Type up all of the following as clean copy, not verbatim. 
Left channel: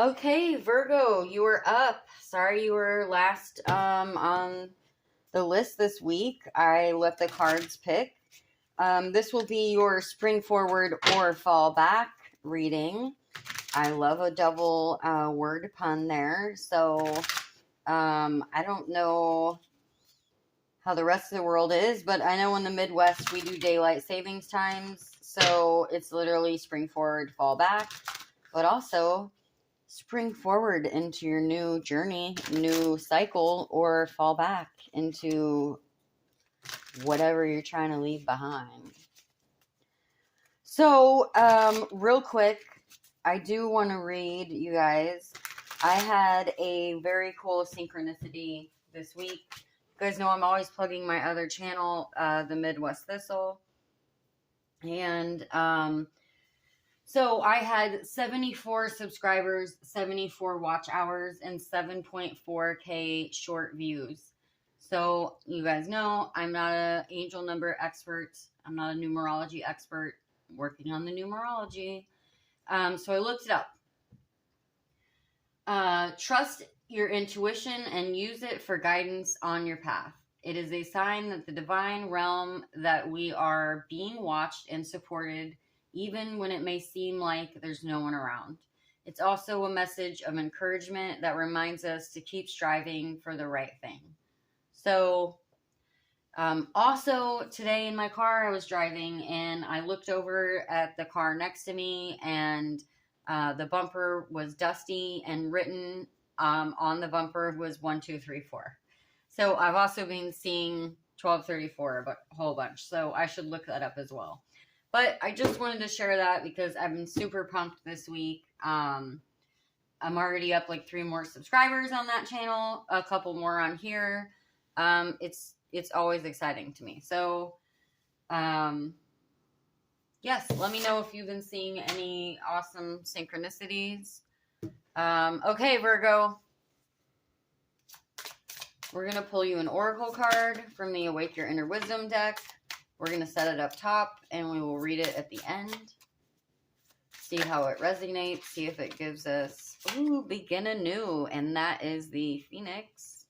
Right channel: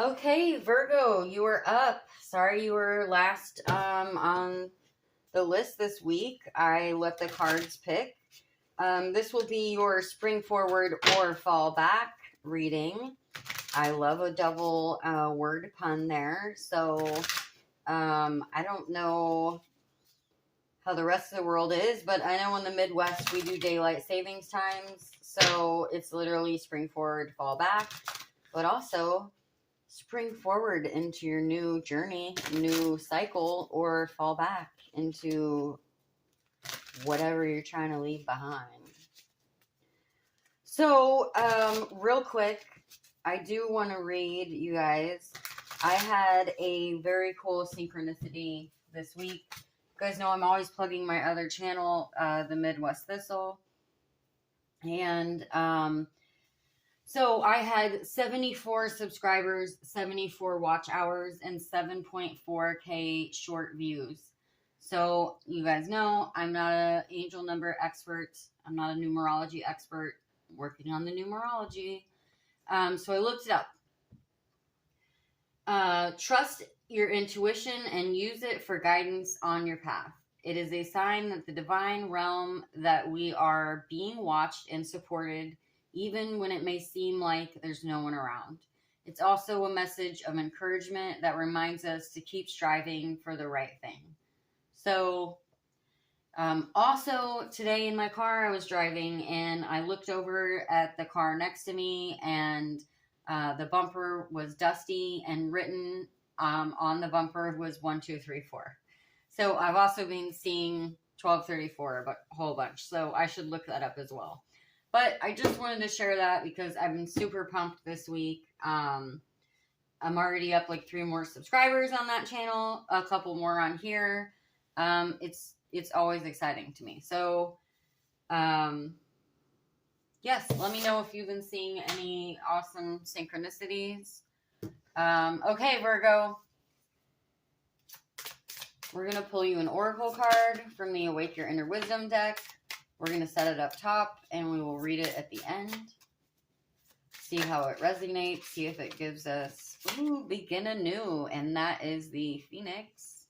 Okay, Virgo, you are up. Sorry you were last on the list this week. I let the cards pick. This will be your spring forward or fall back reading. I love a double word pun there. So I don't know how the rest of the world is, but I know in the Midwest we do daylight savings times. So it's literally spring forward, fall back, but also spring forward into your new journey, new cycle, or fall back into whatever you're trying to leave behind. So, real quick, I do want to read you guys. I had a very cool synchronicity this week. You guys know I'm always plugging my other channel, the Midwest Thistle. And, so I had 74 subscribers, 74 watch hours, and 7.4K short views. So you guys know I'm not an angel number expert. I'm not a numerology expert. I'm working on the numerology. So I looked it up. Trust your intuition and use it for guidance on your path. It is a sign that the divine realm that we are being watched and supported even when it may seem like there's no one around. It's also a message of encouragement that reminds us to keep striving for the right thing. So, also today in my car, I was driving and I looked over at the car next to me, and the bumper was dusty, and written on the bumper was 1, 2, 3, 4. So I've also been seeing 1234 a whole bunch. So I should look that up as well. But I just wanted to share that because I've been super pumped this week. I'm already up like 3 more subscribers on that channel, a couple more on here. It's always exciting to me. So, yes, let me know if you've been seeing any awesome synchronicities. Okay, Virgo. We're going to pull you an oracle card from the Awake Your Inner Wisdom deck. We're going to set it up top, and we will read it at the end. See how it resonates. See if it gives us, ooh, begin anew. And that is the Phoenix.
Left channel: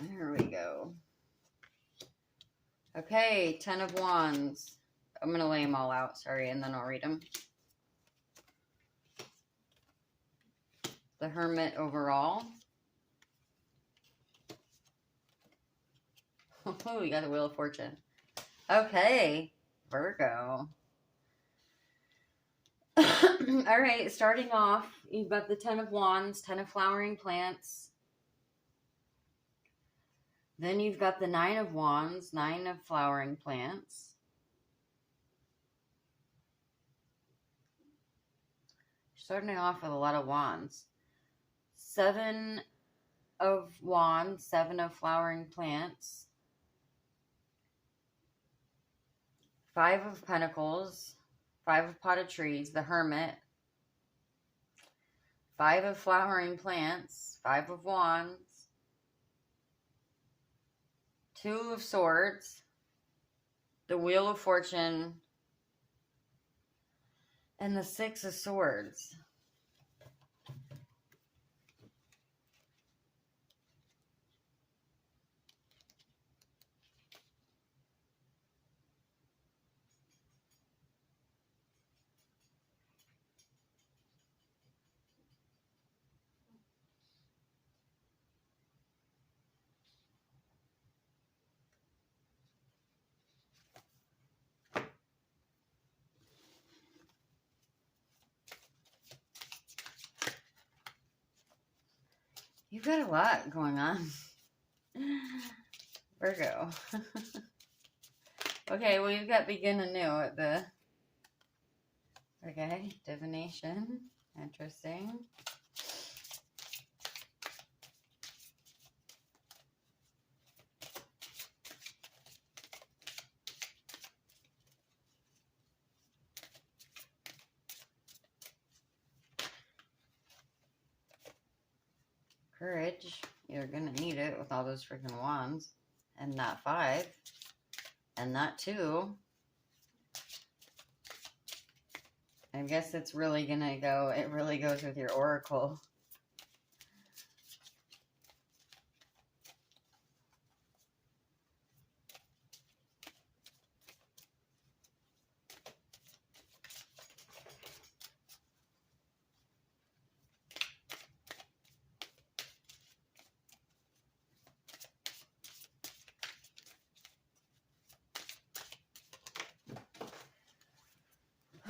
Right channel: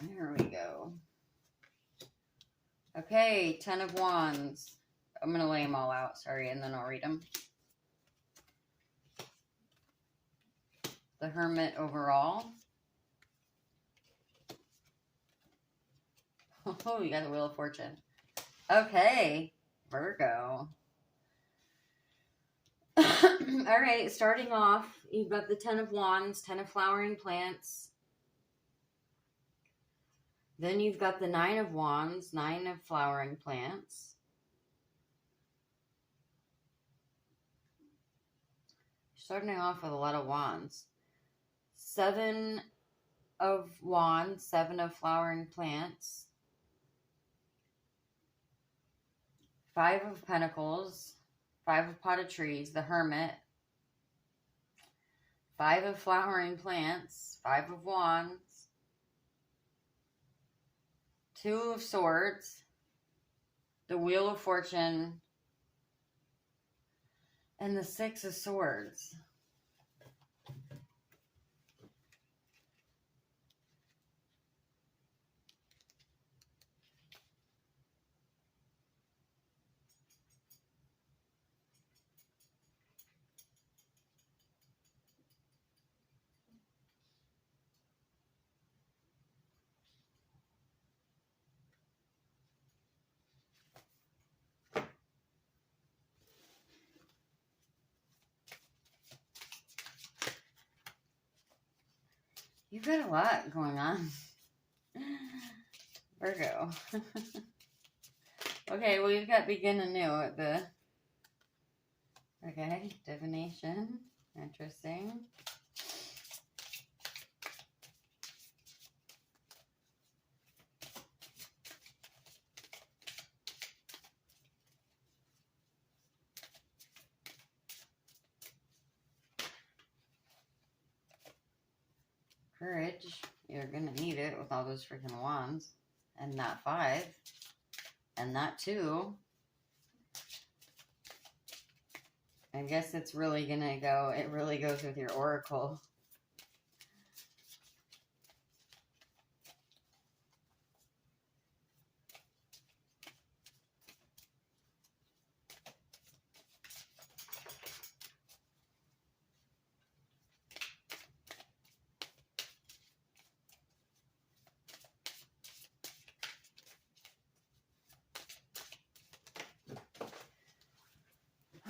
There we go. Okay, 10 of Wands. I'm going to lay them all out, sorry, and then I'll read them. The Hermit overall. Oh, you got the Wheel of Fortune. Okay, Virgo. All right, starting off, you've got the 10 of Wands, 10 of flowering plants. Then you've got the 9 of Wands, 9 of flowering plants. Starting off with a lot of wands. 7 of wands, 7 of flowering plants. 5 of pentacles, 5 of potted trees, the Hermit. 5 of flowering plants, 5 of wands. 2 of swords, the Wheel of Fortune, and the 6 of swords. You've got a lot going on, Virgo. Okay, well, you've got begin anew at the... Okay, divination. Interesting. Courage. You're going to need it with all those freaking wands. And that 5. And that 2. I guess it's really going to go, it really goes with your oracle.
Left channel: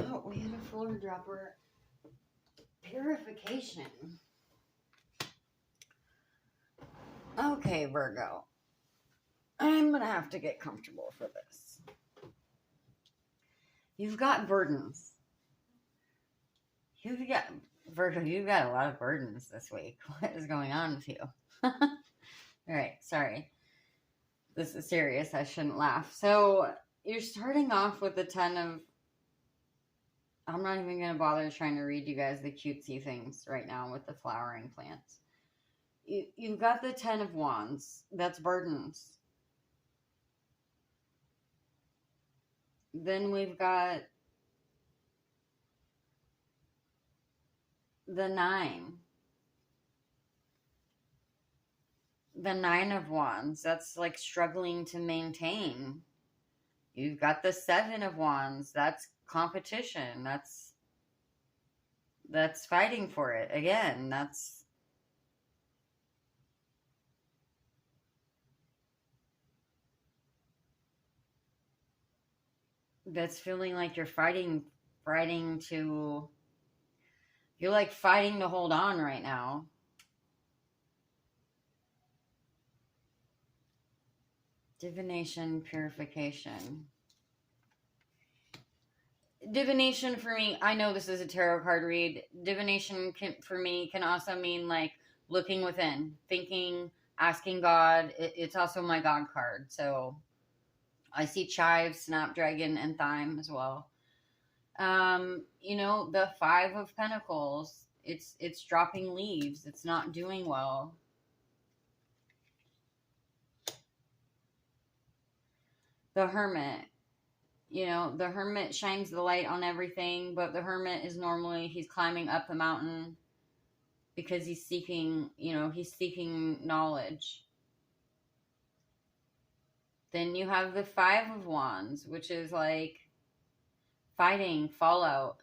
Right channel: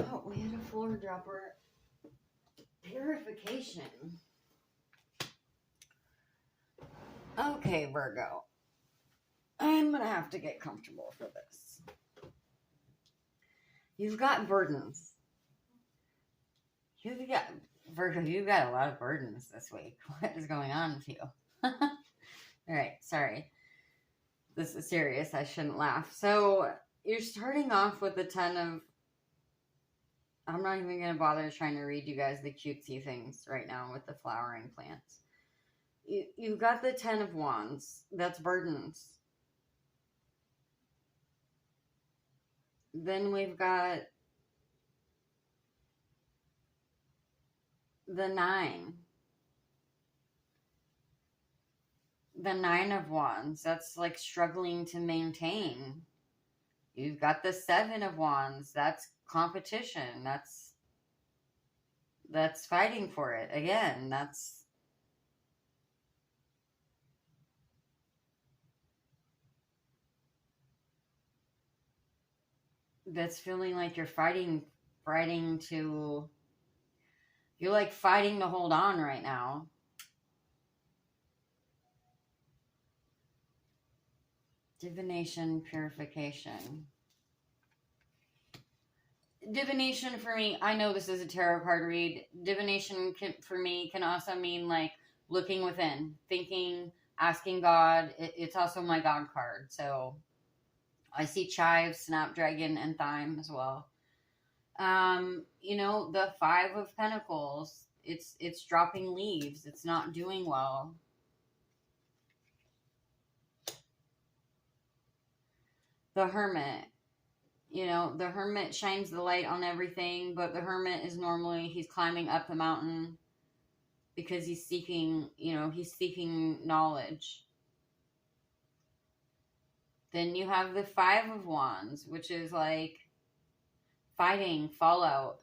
Oh, we had a floor dropper. Purification. Okay, Virgo. I'm going to have to get comfortable for this. You've got burdens. Virgo, you've got a lot of burdens this week. What is going on with you? All right, sorry. This is serious. I shouldn't laugh. So you're starting off with the 10 of... I'm not even going to bother trying to read you guys the cutesy things right now with the flowering plants. You've got the 10 of Wands. That's burdens. Then we've got the 9. The 9 of Wands. That's like struggling to maintain. You've got the 7 of Wands. That's competition. That's fighting for it. Again, that's feeling like you're fighting to... You're like fighting to hold on right now. Divination, purification. Divination for me, I know this is a tarot card read. Divination for me can also mean like looking within, thinking, asking God. It's also my God card. So I see chive, snapdragon, and thyme as well. You know, the 5 of Pentacles, it's dropping leaves. It's not doing well. The Hermit. You know, the Hermit shines the light on everything, but the Hermit is normally, he's climbing up the mountain because he's seeking, you know, he's seeking knowledge. Then you have the 5 of Wands, which is like fighting, fallout.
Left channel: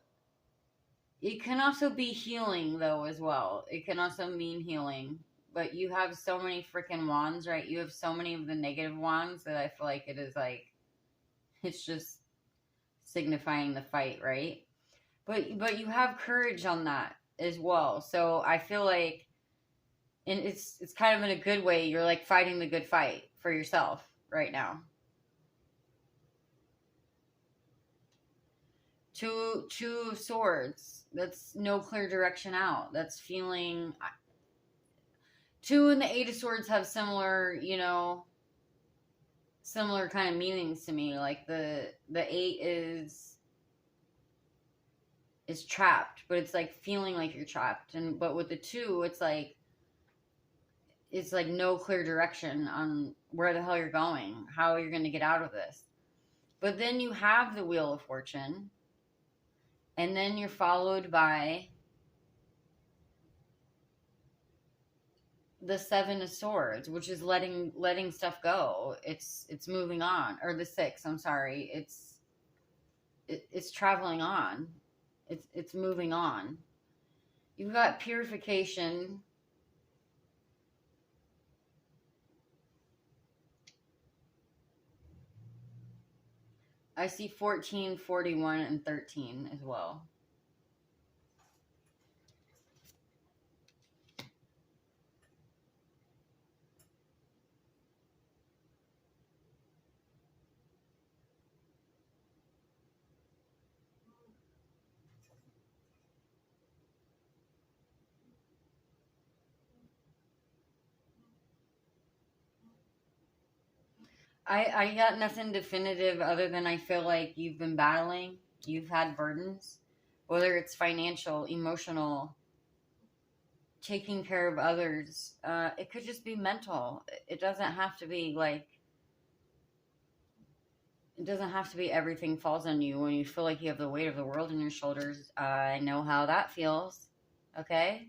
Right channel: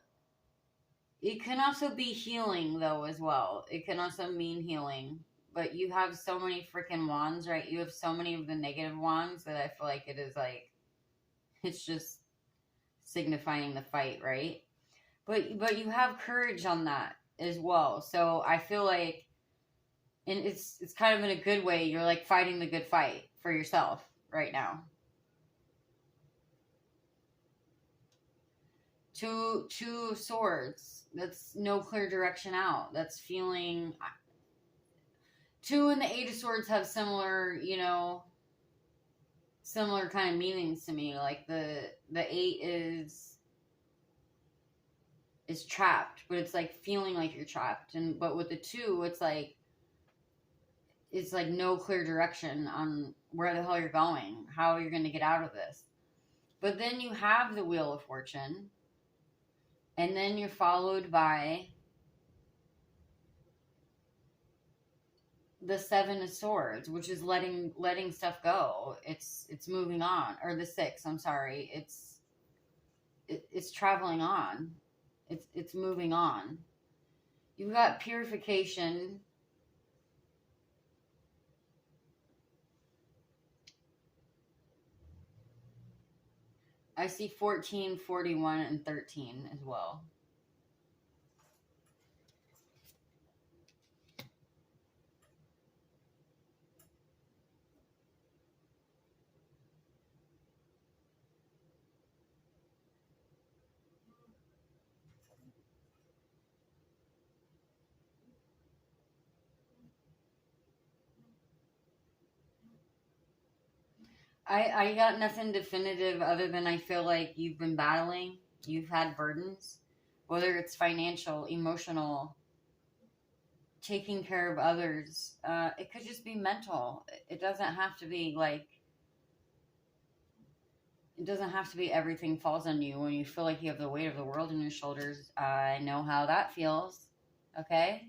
It can also be healing, though, as well. It can also mean healing. But you have so many freaking wands, right? You have so many of the negative wands that I feel like it is like... It's just signifying the fight, right? But you have courage on that as well. So I feel like, and it's kind of in a good way, you're like fighting the good fight for yourself right now. Two of Swords. That's no clear direction out. That's feeling... 2 and the 8 of Swords have similar, you know, similar kind of meanings to me. Like the 8 is trapped, but it's like feeling like you're trapped. But with the 2, it's like no clear direction on where the hell you're going, how you're going to get out of this. But then you have the Wheel of Fortune, and then you're followed by the 7 of Swords, which is letting stuff go. It's moving on. Or the 6, I'm sorry. It's traveling on. It's moving on. You've got purification. I see 14, 41, and 13 as well. I got nothing definitive other than I feel like you've been battling. You've had burdens, whether it's financial, emotional, taking care of others. It could just be mental. It doesn't have to be like, it doesn't have to be everything falls on you when you feel like you have the weight of the world on your shoulders. I know how that feels. Okay?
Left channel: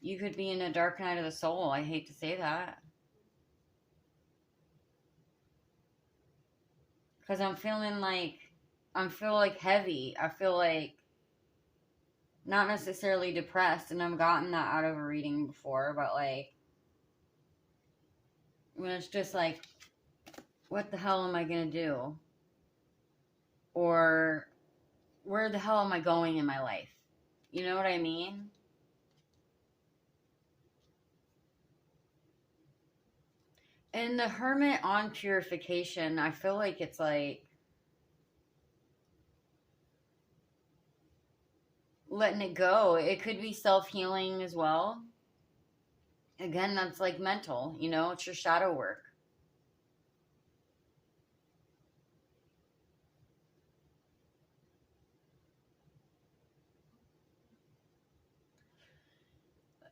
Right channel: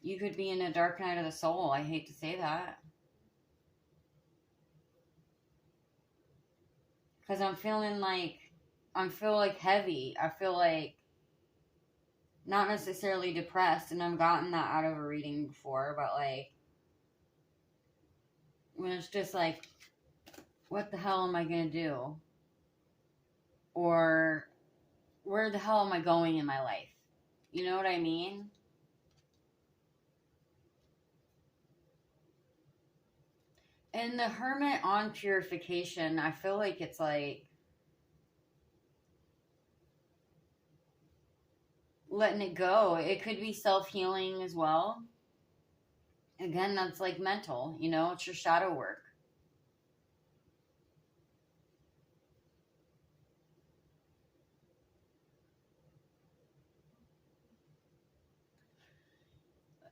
You could be in a dark night of the soul. I hate to say that. Because I feel like heavy. I feel like not necessarily depressed, and I've gotten that out of a reading before, but like when it's just like, what the hell am I gonna do? Or where the hell am I going in my life? You know what I mean? And the Hermit on purification, I feel like it's like letting it go. It could be self-healing as well. Again, that's like mental, you know, it's your shadow work.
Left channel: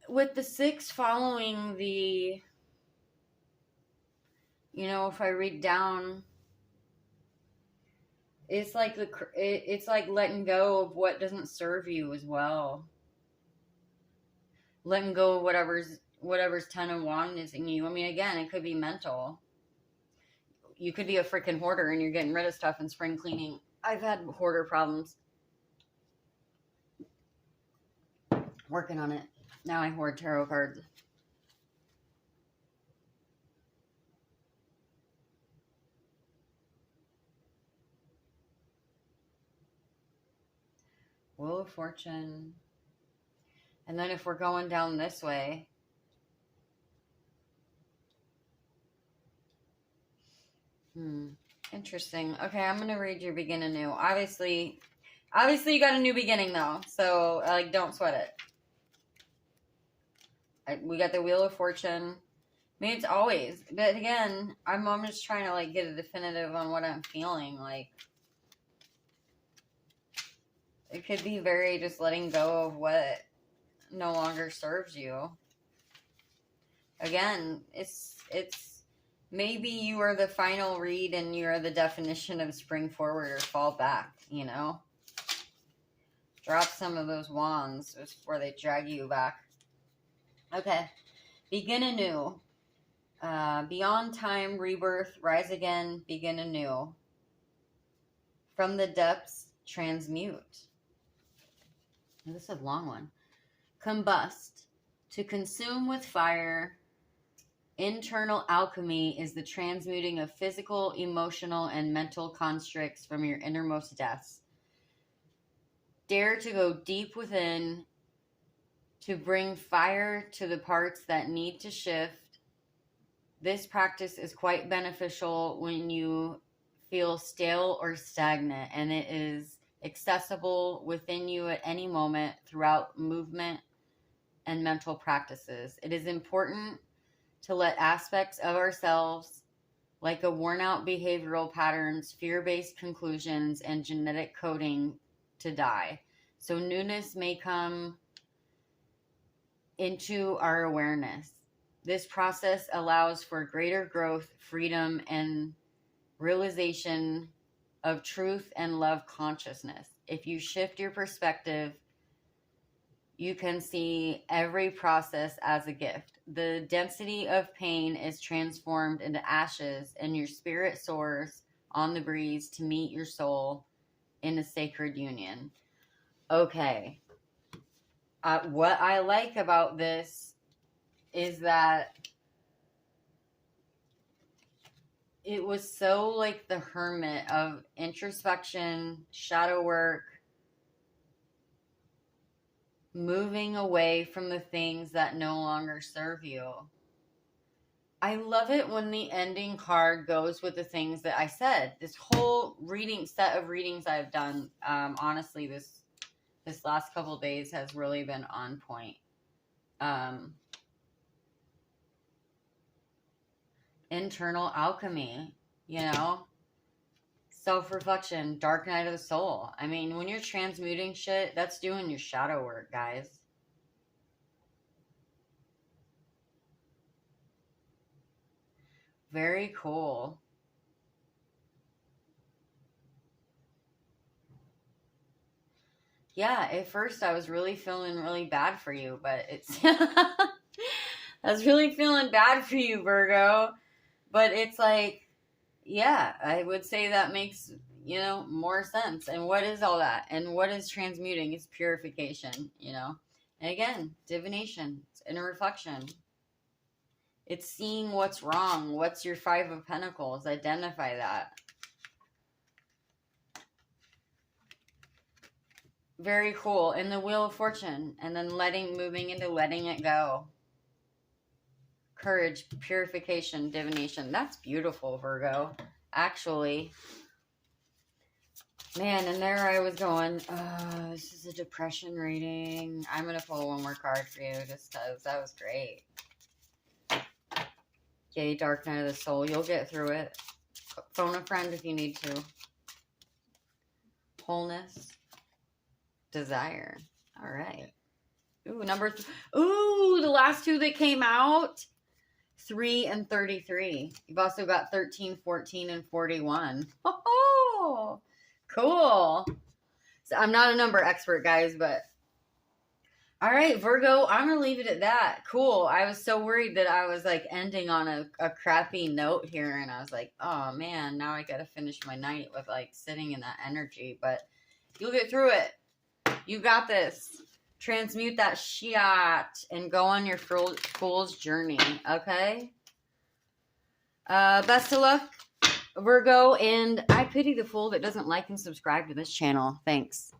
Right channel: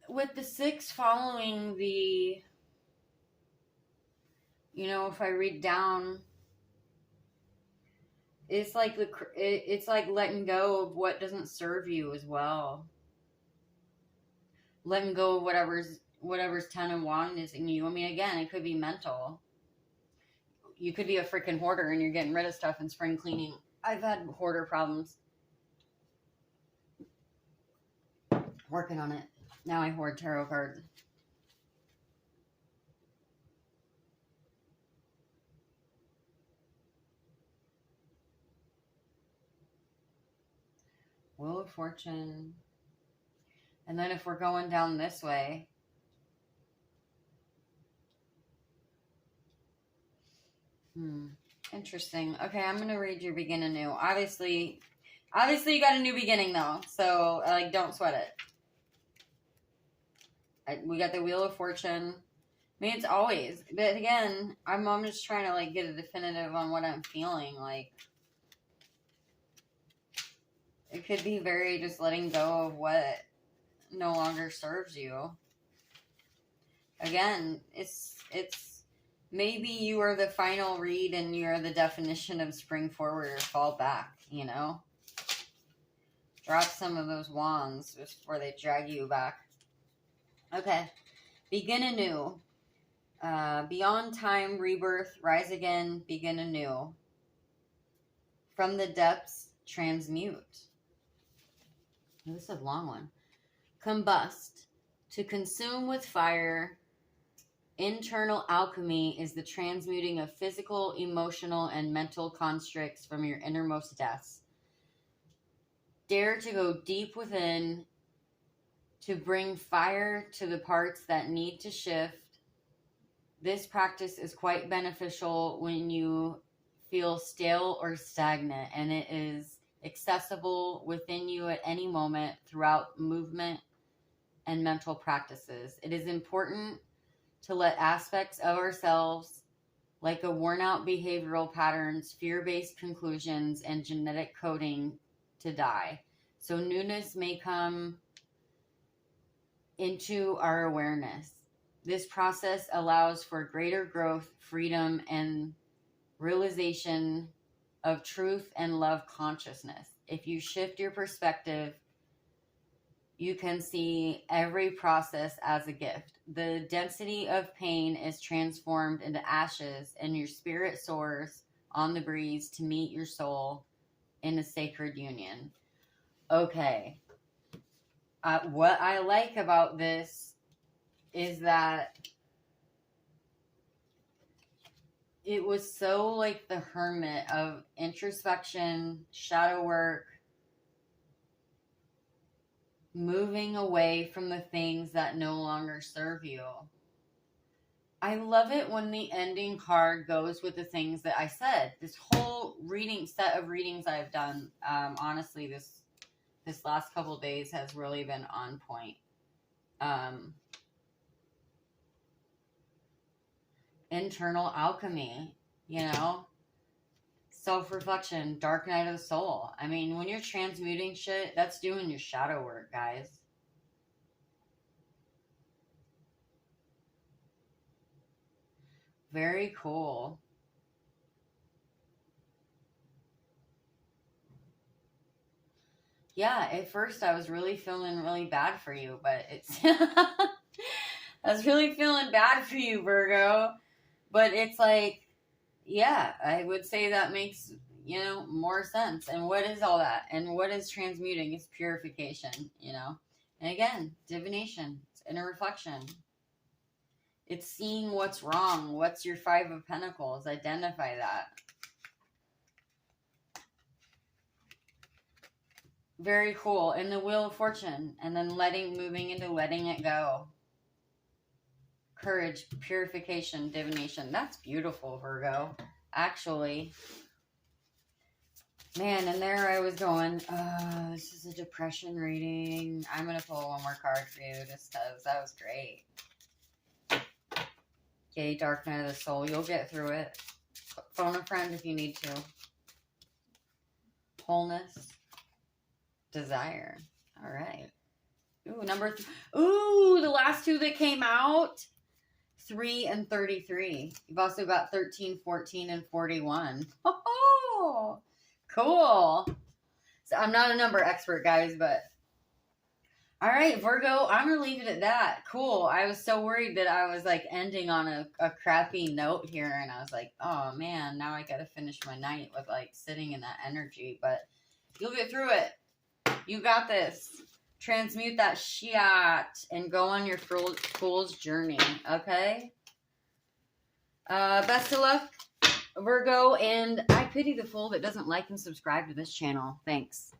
With the 6 following the, you know, if I read down, it's like it's like letting go of what doesn't serve you as well. Letting go of whatever's 10 of Wands is in you. I mean, again, it could be mental. You could be a freaking hoarder and you're getting rid of stuff and spring cleaning. I've had hoarder problems. Working on it. Now I hoard tarot cards. Wheel of Fortune. And then if we're going down this way, interesting. Okay, I'm going to read your begin anew. Obviously you got a new beginning though. So, like, don't sweat it. We got the Wheel of Fortune. I mean, it's always. But again, I'm just trying to, like, get a definitive on what I'm feeling. Like, it could be very just letting go of what no longer serves you. Again, it's maybe you are the final read and you're the definition of spring forward or fall back, you know? Drop some of those wands before they drag you back. Okay. Begin anew. Beyond time, rebirth, rise again, begin anew. From the depths, transmute. This is a long one. Combust. To consume with fire. Internal alchemy is the transmuting of physical, emotional, and mental constructs from your innermost depths. Dare to go deep within to bring fire to the parts that need to shift. This practice is quite beneficial when you feel stale or stagnant, and it is accessible within you at any moment throughout movement and mental practices. It is important to let aspects of ourselves, like a worn-out behavioral patterns, fear-based conclusions, and genetic coding, to die. So newness may come into our awareness. This process allows for greater growth, freedom, and realization of truth and love consciousness. If you shift your perspective, you can see every process as a gift. The density of pain is transformed into ashes, and your spirit soars on the breeze to meet your soul in a sacred union. Okay. What I like about this is that it was so like the Hermit of introspection, shadow work, moving away from the things that no longer serve you. I love it when the ending card goes with the things that I said. This whole set of readings I've done, honestly, this last couple of days has really been on point. Internal alchemy, you know, self-reflection, dark night of the soul. I mean, when you're transmuting shit, that's doing your shadow work, guys. Very cool. Yeah, at first I was really feeling really bad for you, but it's I was really feeling bad for you, Virgo. But it's like, yeah, I would say that makes, more sense. And what is all that? And what is transmuting? It's purification. And again, divination, it's inner reflection. It's seeing what's wrong. What's your Five of Pentacles? Identify that. Very cool. And the Wheel of Fortune. And then moving into letting it go. Courage, purification, divination. That's beautiful, Virgo. Actually. Man, and there I was going, this is a depression reading. I'm going to pull one more card for you just because that was great. Okay, Dark Night of the Soul. You'll get through it. Phone a friend if you need to. Wholeness. Desire. All right. Ooh, Ooh, the last two that came out. 3 and 33. You've also got 13, 14, and 41. Oh, cool. So I'm not a number expert, guys, but all right, Virgo, I'm going to leave it at that. Cool. I was so worried that I was like ending on a crappy note here, and I was like, oh man, now I got to finish my night with like sitting in that energy, but you'll get through it. You got this. Transmute that shit and go on your fool's journey, okay? Best of luck, Virgo, and I pity the fool that doesn't like and subscribe to this channel. Thanks.